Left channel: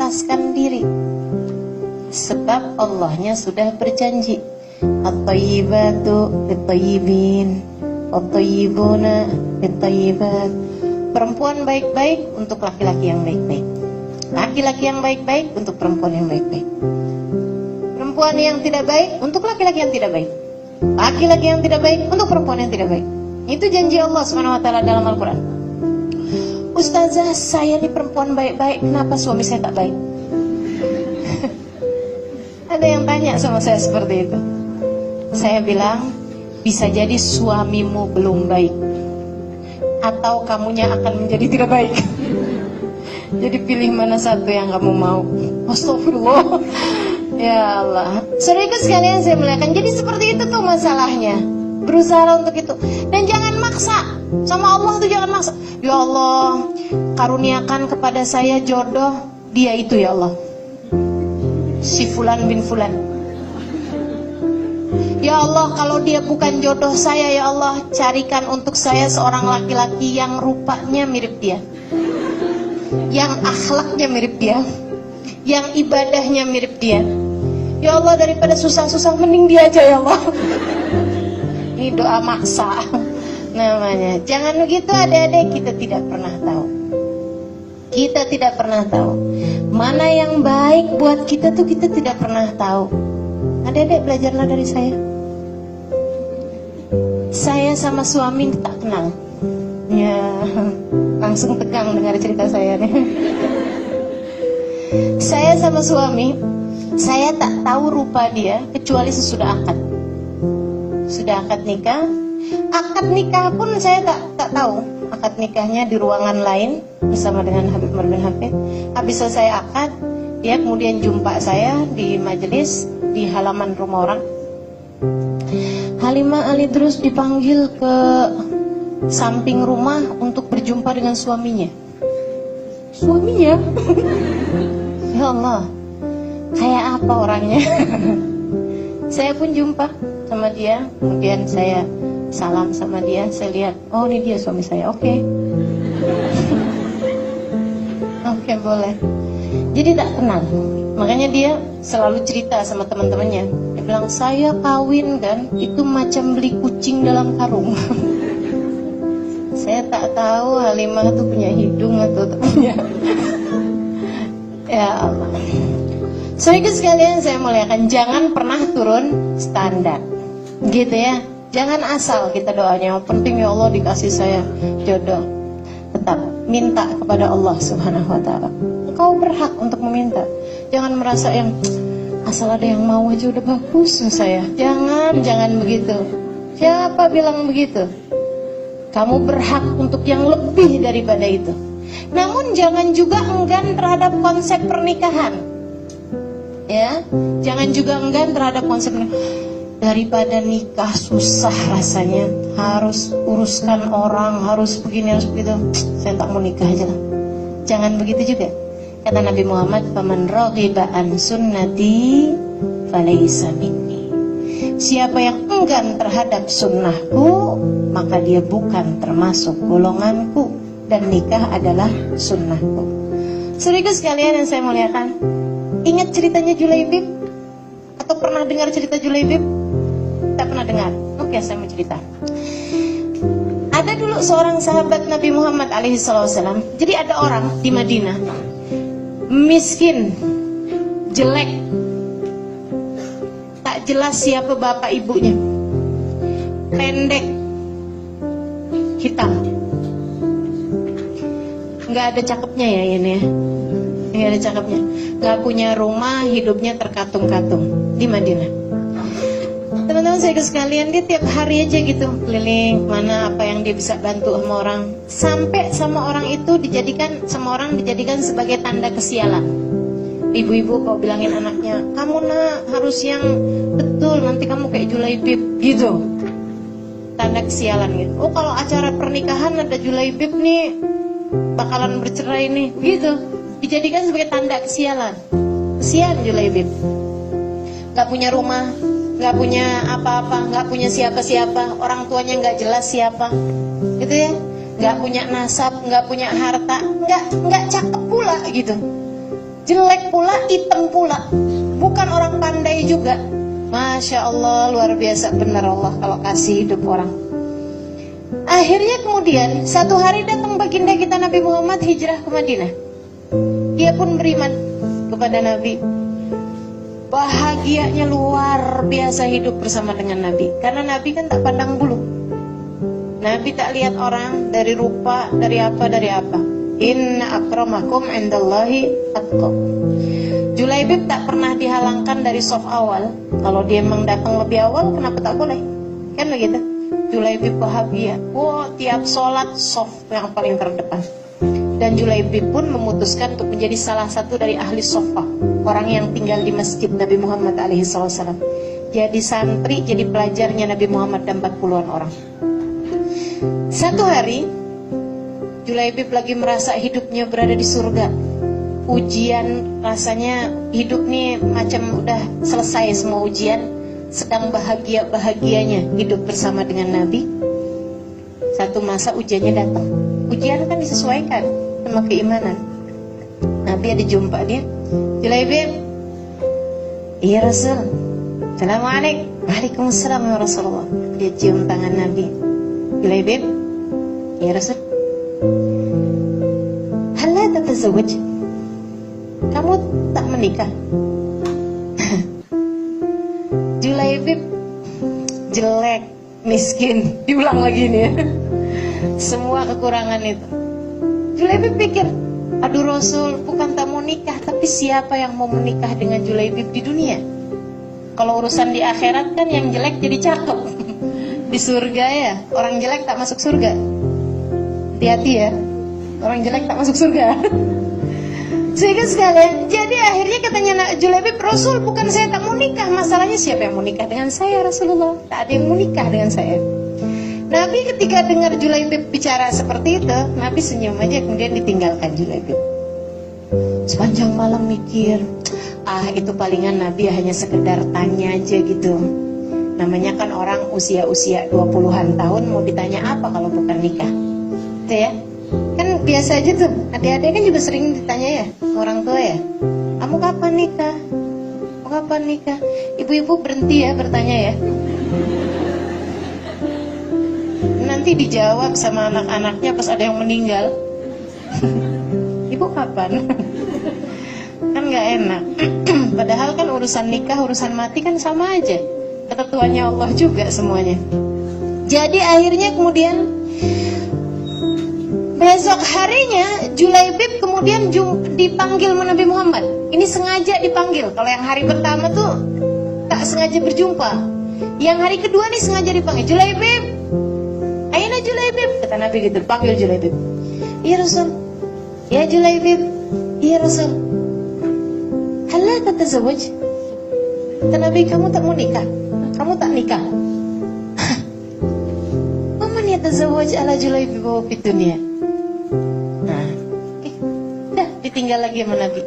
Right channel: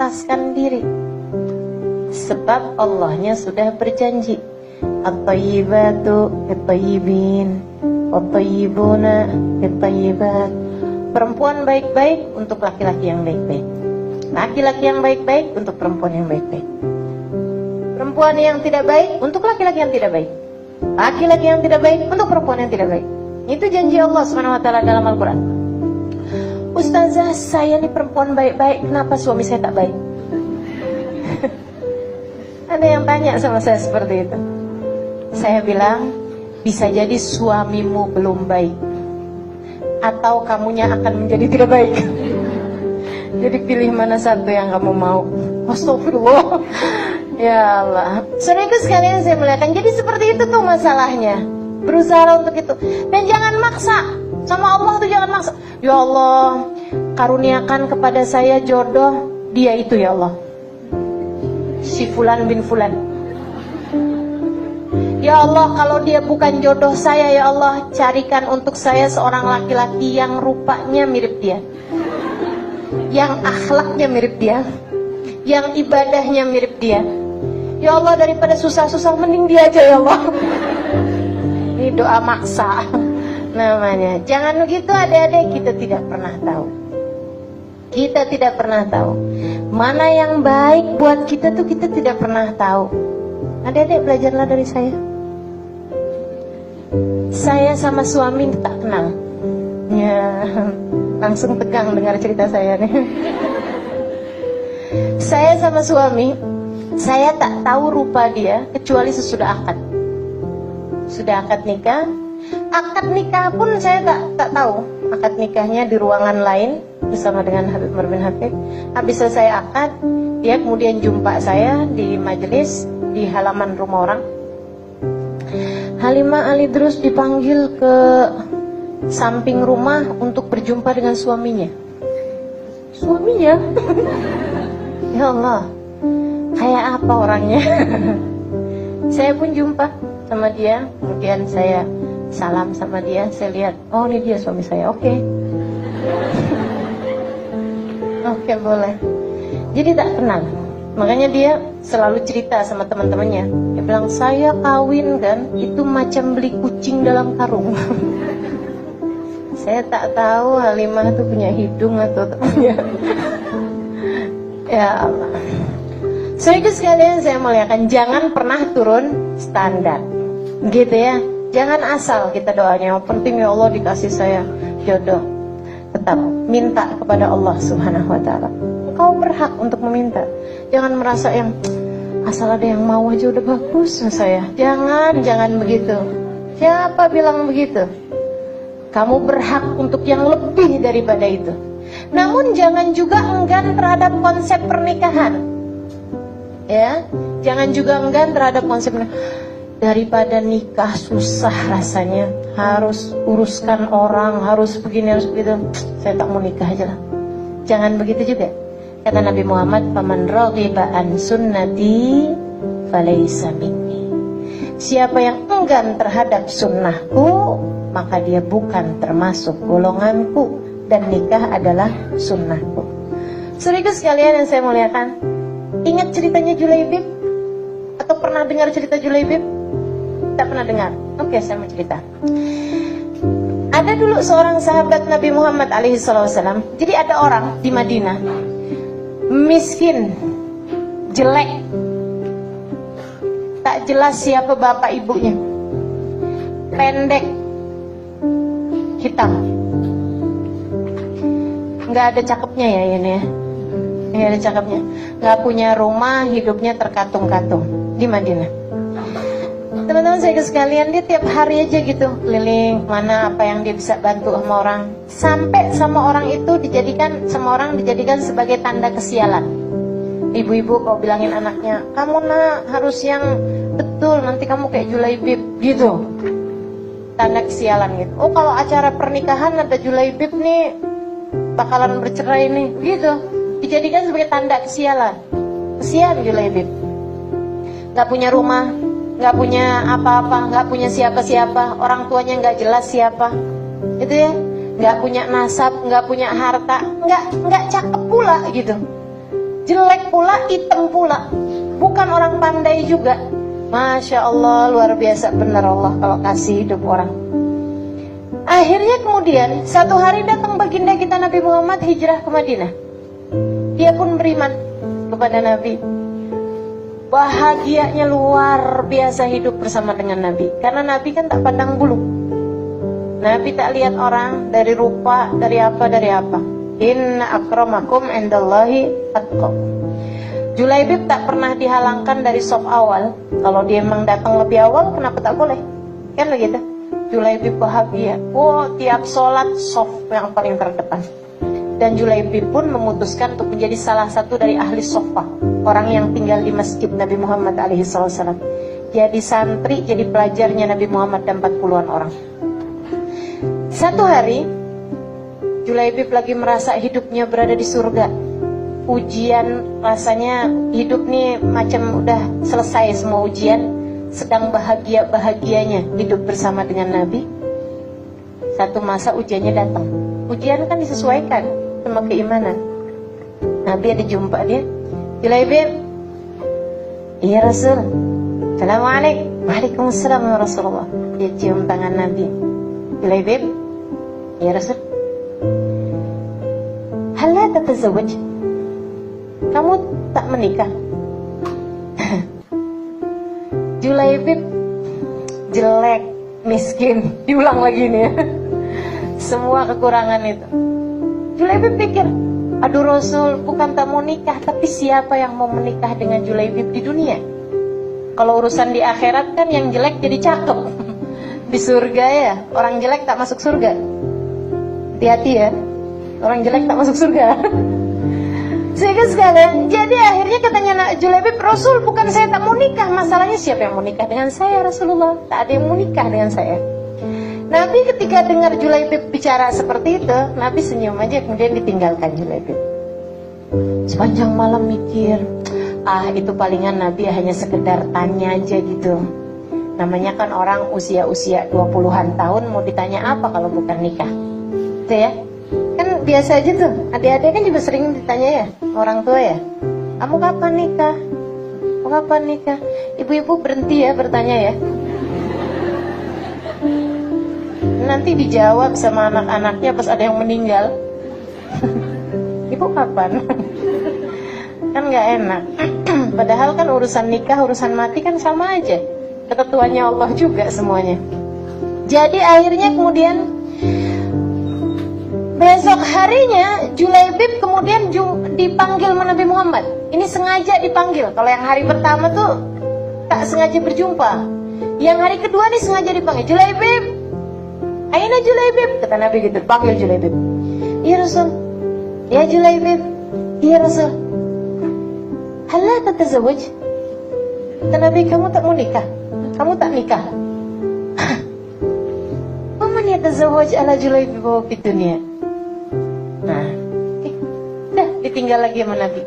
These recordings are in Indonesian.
memantaskan diri. Sebab Allahnya sudah berjanji, at-thayyibatu lit-thayyibin, wat-thayyibuna lit-thayyibat. Perempuan baik-baik untuk laki-laki yang baik-baik, laki-laki yang baik-baik untuk perempuan yang baik-baik, perempuan yang tidak baik untuk laki-laki yang tidak baik, laki-laki yang tidak baik untuk perempuan yang tidak baik. Itu janji Allah Subhanahu wa taala dalam Al-Qur'an. Ustazah, saya ini perempuan baik-baik, kenapa suami saya tak baik? Ada yang tanya sama saya seperti itu. Saya bilang, bisa jadi suamimu belum baik, atau kamunya akan menjadi tidak baik. Jadi pilih mana satu yang kamu mau. Astagfirullah. Ya Allah. Saudara sekalian saya muliakan. Jadi seperti itu tuh masalahnya. Berusaha untuk itu. Dan jangan maksa. Sama Allah tuh jangan maksa. Ya Allah, karuniakan kepada saya jodoh dia itu ya Allah, si fulan bin fulan. Ya Allah, kalau dia bukan jodoh saya ya Allah, carikan untuk saya seorang laki-laki yang rupanya mirip dia, yang akhlaknya mirip dia, yang ibadahnya mirip dia. Ya Allah, daripada susah-susah mending dia aja ya Allah. Ini doa maksa namanya. Jangan begitu adik-adik, kita tidak pernah tahu. Kita tidak pernah tahu mana yang baik buat kita tuh, kita tidak pernah tahu. Adik-adik belajarlah dari saya. Saya sama suami tak kenal. Ya, langsung tegang dengar cerita saya nih. Saya sama suami, saya tak tahu rupa dia kecuali sesudah akad. Sudah akad nikah. Akad nikah pun saya tak tahu. Akad nikahnya di ruangan lain bersama dengan Habib Umar bin Hafid. Habis selesai akad, dia kemudian jumpa saya di majelis di halaman rumah orang. Halimah Ali Drus dipanggil ke samping rumah untuk berjumpa dengan suaminya. Suaminya? Ya Allah, kayak apa orangnya? Saya pun jumpa sama dia, kemudian saya salam sama dia, saya lihat, oh ini dia suami saya, oke. Oke, boleh. Jadi tak kenal. Makanya dia selalu cerita sama teman-temannya. Dia bilang, saya kawin kan, itu macam beli kucing dalam karung. Saya tak tahu Halimah tuh punya hidung atau tak punya. Ya Allah. Saudara sekalian saya muliakan, jangan pernah turun standar. Gitu ya. Jangan asal kita doanya, yang penting ya Allah dikasih saya jodoh. Tetap minta kepada Allah Subhanahu wa taala. Engkau berhak untuk meminta. Jangan merasa yang asal ada yang mau aja udah bagus saya. Jangan begitu. Siapa bilang begitu? Kamu berhak untuk yang lebih daripada itu. Namun jangan juga enggan terhadap konsep pernikahan. Ya, jangan juga enggan terhadap konsep pernikahan. Daripada nikah susah rasanya, harus uruskan orang, harus begini, harus begitu, saya tak mau nikah aja lah. Jangan begitu juga. Kata Nabi Muhammad, "Faman raghiba an sunnati falaysa minni." Siapa yang enggan terhadap sunnahku, maka dia bukan termasuk golonganku, dan nikah adalah sunnahku. Saudara sekalian yang saya muliakan, ingat ceritanya Julaibib? Atau pernah dengar cerita Julaibib? Tak pernah dengar. Oke, saya mau cerita. Ada dulu seorang sahabat Nabi Muhammad alaihissalam. Jadi ada orang di Madinah, miskin, jelek, tak jelas siapa bapak ibunya, pendek, hitam, nggak ada cakepnya ya ini ya. Nggak ada cakepnya, nggak punya rumah, hidupnya terkatung-katung di Madinah. Teman-teman saya sekalian, dia tiap hari aja gitu keliling mana apa yang dia bisa bantu sama orang. Sampai sama orang itu dijadikan sebagai tanda kesialan. Ibu-ibu kalau bilangin anaknya, kamu nak harus yang betul, nanti kamu kayak Julaibib gitu. Tanda kesialan gitu. Oh kalau acara pernikahan ada Julaibib nih, bakalan bercerai nih gitu. Dijadikan sebagai tanda kesialan. Kesian Julaibib, gak punya rumah, gak punya apa-apa, gak punya siapa-siapa, orang tuanya gak jelas siapa, gitu ya, gak punya nasab, gak punya harta, gak cakep pula gitu. jelek pula, hitam pula, bukan orang pandai juga. Masya Allah, luar biasa benar Allah kalau kasih hidup orang. Akhirnya kemudian satu hari datang baginda kita Nabi Muhammad hijrah ke Madinah. Dia pun beriman kepada Nabi. Bahagianya luar biasa hidup bersama dengan Nabi. Karena Nabi kan tak pandang bulu. Nabi tak lihat orang dari rupa, dari apa. Inna akramakum indallahi atqakum. Julaibib tak pernah dihalangkan dari soft awal. Kalau dia memang datang lebih awal, kenapa tak boleh? Kan begitu. Julaibib bahagia. Tiap sholat soft yang paling terdepan. Dan Julaibib pun memutuskan untuk menjadi salah satu dari ahli sofa, orang yang tinggal di masjid Nabi Muhammad SAW. Jadi santri, jadi pelajarnya Nabi Muhammad dan 40-an orang. Satu hari Julaibib lagi merasa hidupnya berada di surga. Ujian, rasanya hidup nih macam udah selesai semua ujian. Sedang bahagia-bahagianya hidup bersama dengan Nabi. Satu masa ujiannya datang. Ujian kan disesuaikan sama keimanan. Nabi ada jumpa dia. Julaibib, iya Rasul. Assalamualaikum. Waalaikumsalam ya Rasulullah. Dia cium tangan Nabi. Julaibib, iya Rasul. Hal la tatazawwaj? Kamu tak menikah? Julaibib jelek, miskin, diulang lagi nih ya. Semua kekurangan itu. Julaibib pikir, aduh Rasul, bukan tak mau nikah, tapi siapa yang mau menikah dengan Julaibib di dunia? Kalau urusan di akhirat kan yang jelek jadi cakep. Di surga ya, orang jelek tak masuk surga. Hati-hati ya, orang jelek tak masuk surga. Sehingga sekalian, jadi akhirnya katanya Julaibib, Rasul, bukan saya tak mau nikah, masalahnya siapa yang mau nikah dengan saya Rasulullah? Tak ada yang mau nikah dengan saya. Nabi ketika dengar Julaibib bicara seperti itu, Nabi senyum aja, kemudian ditinggalkan Julaibib. Sepanjang malam mikir, itu palingan Nabi hanya sekedar tanya aja gitu. Namanya kan orang usia-usia 20-an tahun, mau ditanya apa kalau bukan nikah? Itu ya. Kan biasa aja tuh, adik-adik kan juga sering ditanya ya, orang tua ya, kamu kapan nikah? Kamu kapan nikah? Ibu-ibu berhenti ya bertanya ya. Nanti dijawab sama anak-anaknya pas ada yang meninggal. Ibu kapan? Kan gak enak. Padahal kan urusan nikah, urusan mati kan sama aja. Ketentuannya Allah juga semuanya. Jadi akhirnya kemudian besok harinya Julaibib kemudian dipanggil sama Nabi Muhammad. Ini sengaja dipanggil. Kalau yang hari pertama tuh tak sengaja berjumpa. Yang hari kedua nih sengaja dipanggil. Julaibib, aina Julaibib, kata Nabi gitu. Panggil Julaibib. Iya Rasul. Ya Julaibib. Iya Rasul. Hal la tatazawwaj? Kata Nabi, kamu tak mau nikah? Kamu tak nikah? Waman yatazawwaj ala Julaibib wa fid dunya? Nah, udah ditinggal lagi sama Nabi.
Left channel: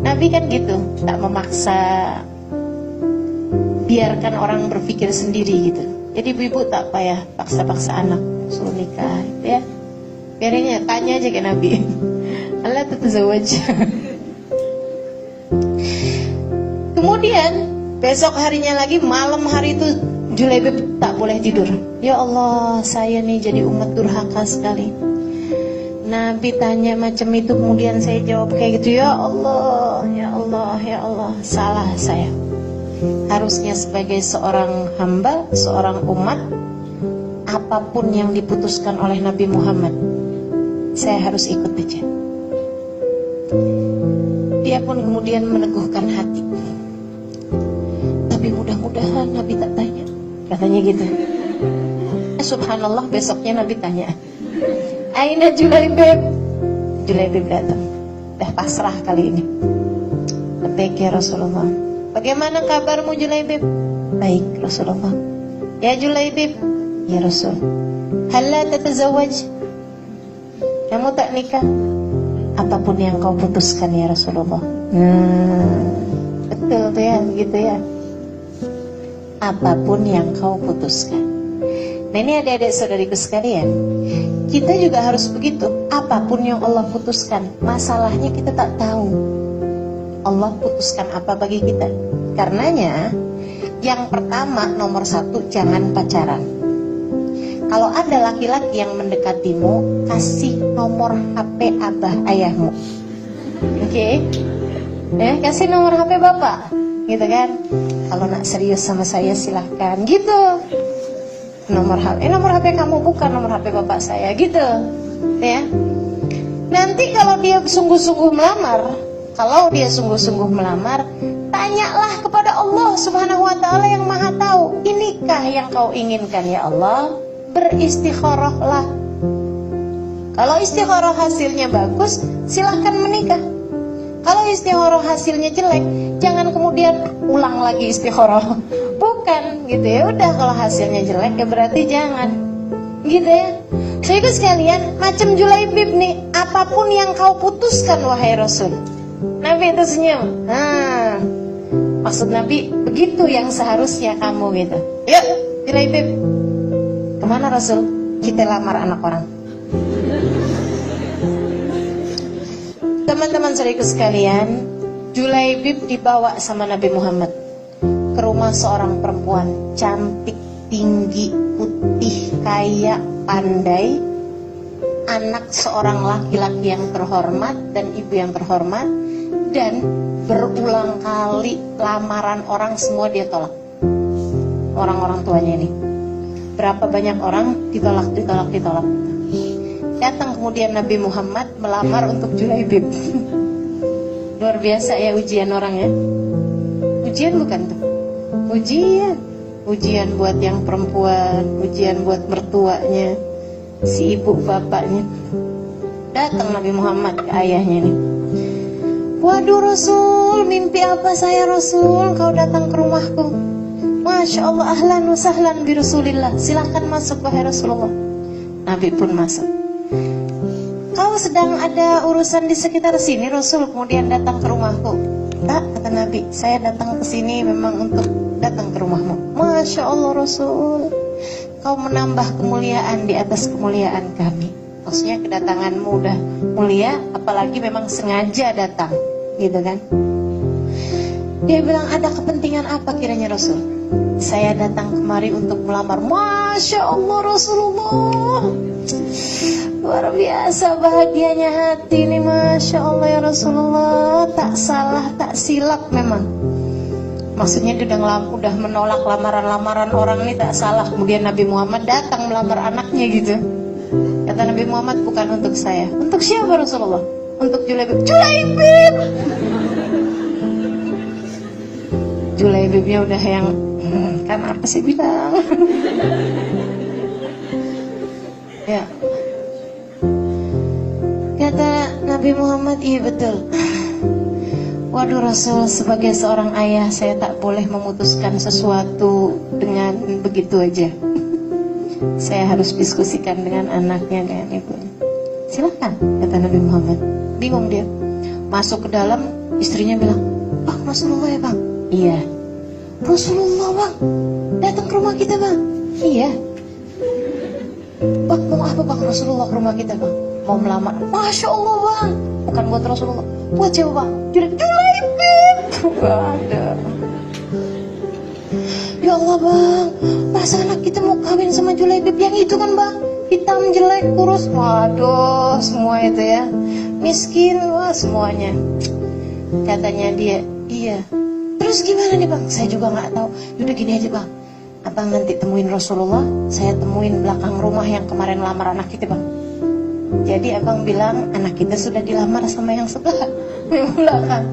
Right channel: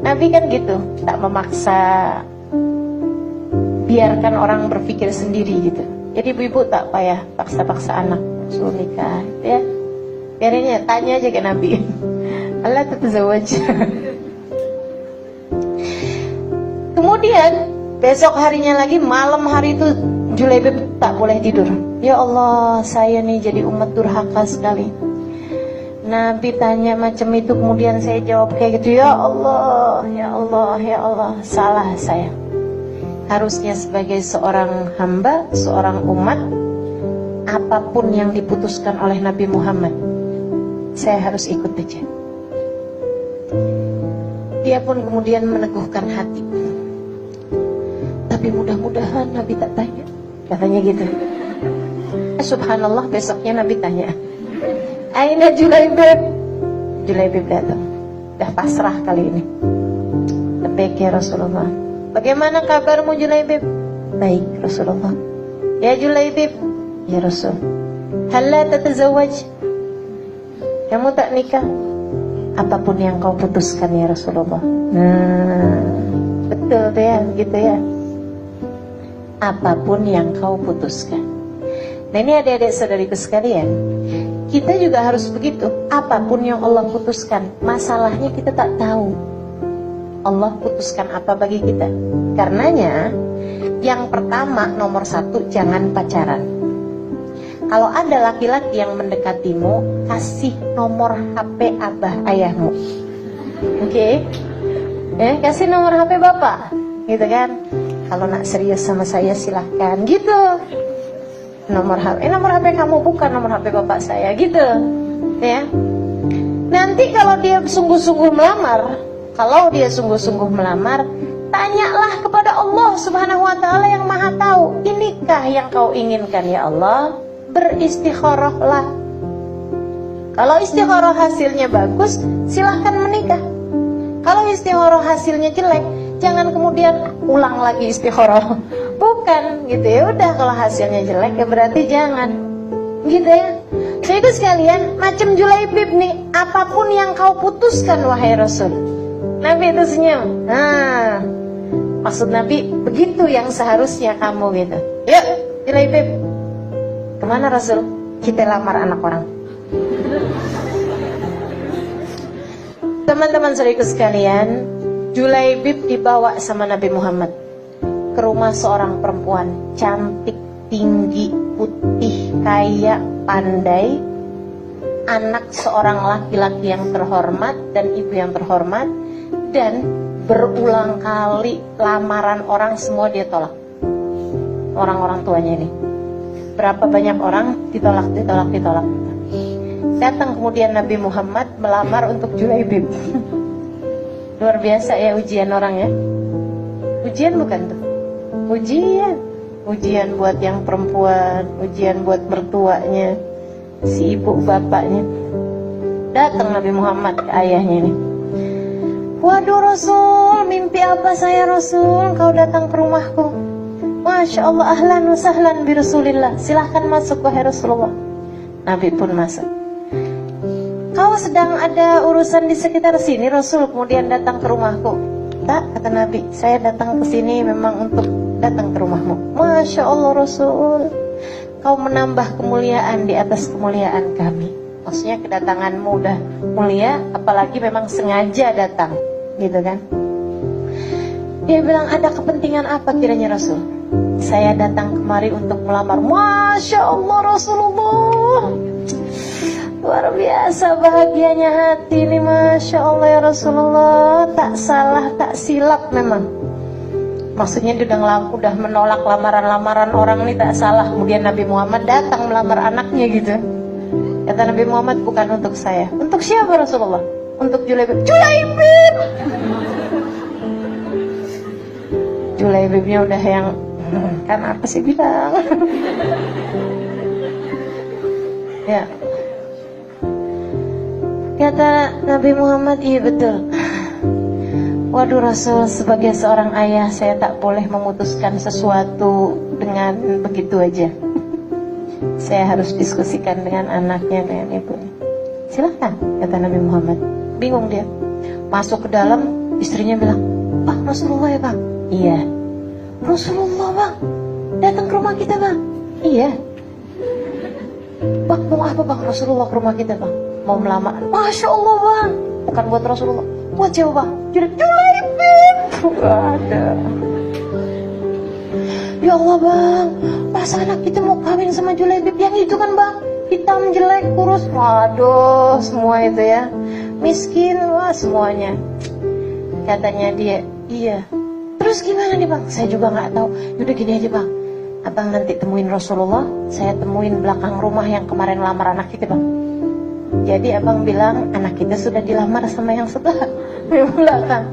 Nabi kan gitu, tak memaksa, biarkan orang berpikir sendiri gitu. Jadi ibu-ibu tak payah paksa-paksa anak suruh nikah, ya. Biarin ya, tanya aja ke Nabi. Allah tatazawwaj. Kemudian besok harinya lagi, malam hari itu Julaibib tak boleh tidur. Ya Allah, saya nih jadi umat durhaka sekali. Nabi tanya macam itu, kemudian saya jawab kayak gitu. Ya Allah, ya Allah, ya Allah, salah saya. Harusnya sebagai seorang hamba, seorang umat, apapun yang diputuskan oleh Nabi Muhammad, saya harus ikut aja. Dia pun kemudian meneguhkan hati. Tapi mudah-mudahan Nabi tak tanya, katanya gitu. Subhanallah, besoknya Nabi tanya, aina Julaibib? Julaibib datang. Dah pasrah kali ini. Labbaik ya Rasulullah. Bagaimana kabarmu Julaibib? Baik Rasulullah. Ya Julaibib, ya Rasul. Hal la tatazawwaj? Kamu tak nikah? Apapun yang kau putuskan ya Rasulullah. Betul tuh ya, begitu ya. Apapun yang kau putuskan. Nah ini adik-adik saudariku sekalian, kita juga harus begitu. Apapun yang Allah putuskan, masalahnya kita tak tahu. Allah putuskan apa bagi kita. Karenanya yang pertama, nomor 1, jangan pacaran. Kalau ada laki-laki yang mendekatimu, kasih nomor HP abah ayahmu. Oke? Kasih nomor HP bapak, gitu kan? Kalau nak serius sama saya silahkan, gitu. Nomor HP kamu bukan nomor HP bapak saya, gitu. Ya. Nanti kalau dia sungguh-sungguh melamar, tanyalah kepada Allah Subhanahu wa taala yang Maha tahu, inikah yang kau inginkan ya Allah? Beristikharahlah. Kalau istikharah hasilnya bagus, silahkan menikah. Kalau istikharah hasilnya jelek, jangan kemudian ulang lagi istikharah. Bukan, gitu ya. Udah, kalau hasilnya jelek ya berarti jangan. Gitu ya. Jadi sekalian, macam Julaibib nih, apapun yang kau putuskan wahai Rasul. Nabi itu senyum. Maksud Nabi, begitu yang seharusnya kamu, gitu. Yuk, Julaibib, kemana Rasul? Kita lamar anak orang. Teman-teman saudaraku sekalian, Julaibib dibawa sama Nabi Muhammad ke rumah seorang perempuan cantik, tinggi, putih, kaya, pandai, anak seorang laki-laki yang terhormat dan ibu yang terhormat, dan berulang kali lamaran orang semua dia tolak. Orang-orang tuanya ini. Berapa banyak orang ditolak. Datang kemudian Nabi Muhammad melamar untuk Julaibib. Luar biasa ya ujian orang ya. Ujian bukan tuh. Ujian buat yang perempuan, ujian buat mertuanya, si ibu bapaknya. Datang Nabi Muhammad ke ayahnya nih. Waduh Rasul, mimpi apa saya Rasul? Kau datang ke rumahku. Masya Allah, ahlan wa sahlan bi Rasulillah. Silahkan masuk wahai Rasulullah. Nabi pun masuk. Kau sedang ada urusan di sekitar sini Rasul, kemudian datang ke rumahku. Tak, kata Nabi, saya datang ke sini memang untuk datang ke rumahmu. Masya Allah Rasul, kau menambah kemuliaan di atas kemuliaan kami. Maksudnya kedatanganmu udah mulia, apalagi memang sengaja datang, gitu kan. Dia bilang, ada kepentingan apa kiranya Rasul? Saya datang kemari untuk melamar. Masya Allah Rasulullah, luar biasa bahagianya hati ini. Masya Allah ya Rasulullah. Tak salah, tak silap memang. Maksudnya dia udah menolak lamaran-lamaran orang ini, tak salah. Kemudian Nabi Muhammad datang melamar anaknya gitu. Kata Nabi Muhammad, bukan untuk saya. Untuk siapa Rasulullah? Untuk Julaibib. Julaibib! Julaibibnya udah yang kan apa sih bilang. Ya. Kata Nabi Muhammad, iya betul. Waduh Rasul, sebagai seorang ayah saya tak boleh memutuskan sesuatu dengan begitu aja. Saya harus diskusikan dengan anaknya, dengan ibunya. Silahkan, kata Nabi Muhammad. Bingung dia. Masuk ke dalam, istrinya bilang, Bang Rasulullah ya bang? Iya. Rasulullah bang, datang ke rumah kita bang? Iya. Bang mau apa bang Rasulullah ke rumah kita bang? Mau melamar. Masya Allah bang, bukan buat Rasulullah, buat siapa bang? Julaibib. Ada. Ya Allah bang, pas anak kita mau kawin sama Julaibib yang itu kan bang, hitam, jelek, kurus. Waduh, semua itu ya, miskin, wah semuanya. Katanya dia, iya. Terus gimana nih bang? Saya juga nggak tahu. Yaudah gini aja bang, abang nanti temuin Rasulullah, saya temuin belakang rumah yang kemarin lamar anak kita bang. Jadi abang bilang anak kita sudah dilamar sama yang sebelah belakang.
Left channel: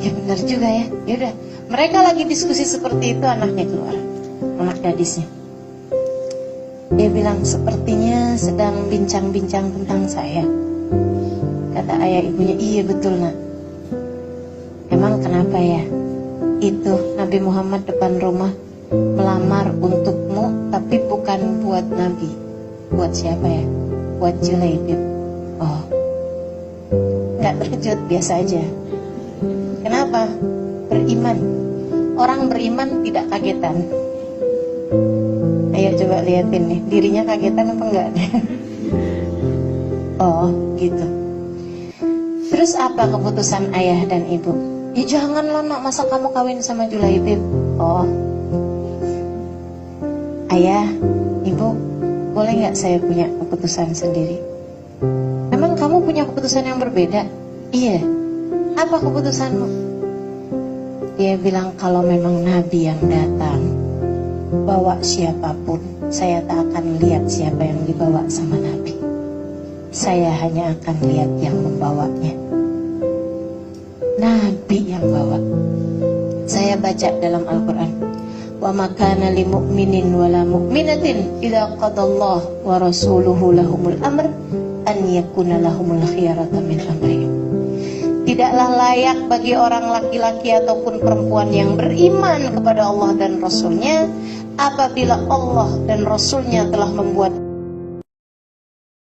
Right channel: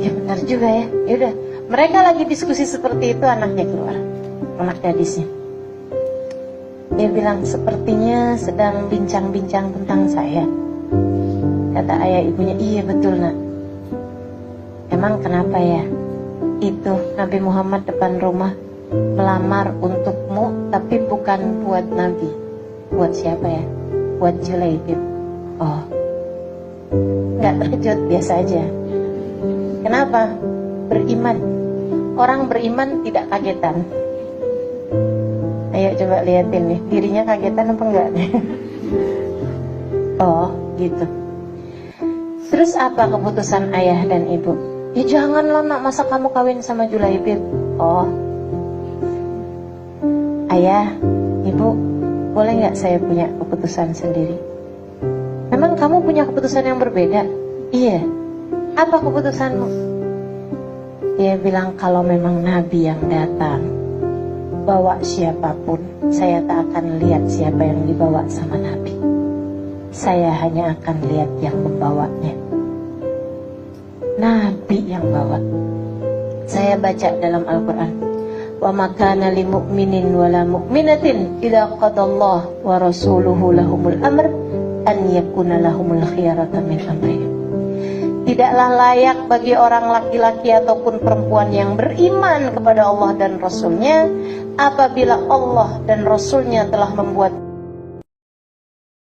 Ya benar juga ya. Yaudah, mereka lagi diskusi seperti itu, anaknya keluar, anak gadisnya. Dia bilang, sepertinya sedang bincang-bincang tentang saya. Kata ayah ibunya, iya betul nak. Emang kenapa ya? Itu Nabi Muhammad depan rumah melamar untukmu, tapi bukan buat Nabi. Buat siapa ya? Buat Julaibib. Oh, nggak terkejut, biasa aja. Kenapa? Beriman. Orang beriman tidak kagetan. Ayo coba liatin nih, dirinya kagetan apa enggak? Oh, gitu. Terus apa keputusan ayah dan ibu? Ya janganlah nak, masa kamu kawin sama Julaibib. Oh, ayah, ibu, boleh nggak saya punya keputusan sendiri? Memang kamu punya keputusan yang berbeda? Iya. Apa keputusanmu? Dia bilang kalau memang Nabi yang datang, bawa siapapun, saya tak akan lihat siapa yang dibawa sama Nabi. Saya hanya akan lihat yang membawanya. Nabi yang bawa. Saya baca dalam Al-Quran, wa makana li mu'minin wala mu'minatin idza qadallahu wa rasuluhu lahumul amr an yakuna lahumul khiyarata min amrihim. Tidaklah layak bagi orang laki-laki ataupun perempuan yang beriman kepada Allah dan Rasulnya apabila Allah dan Rasulnya telah membuat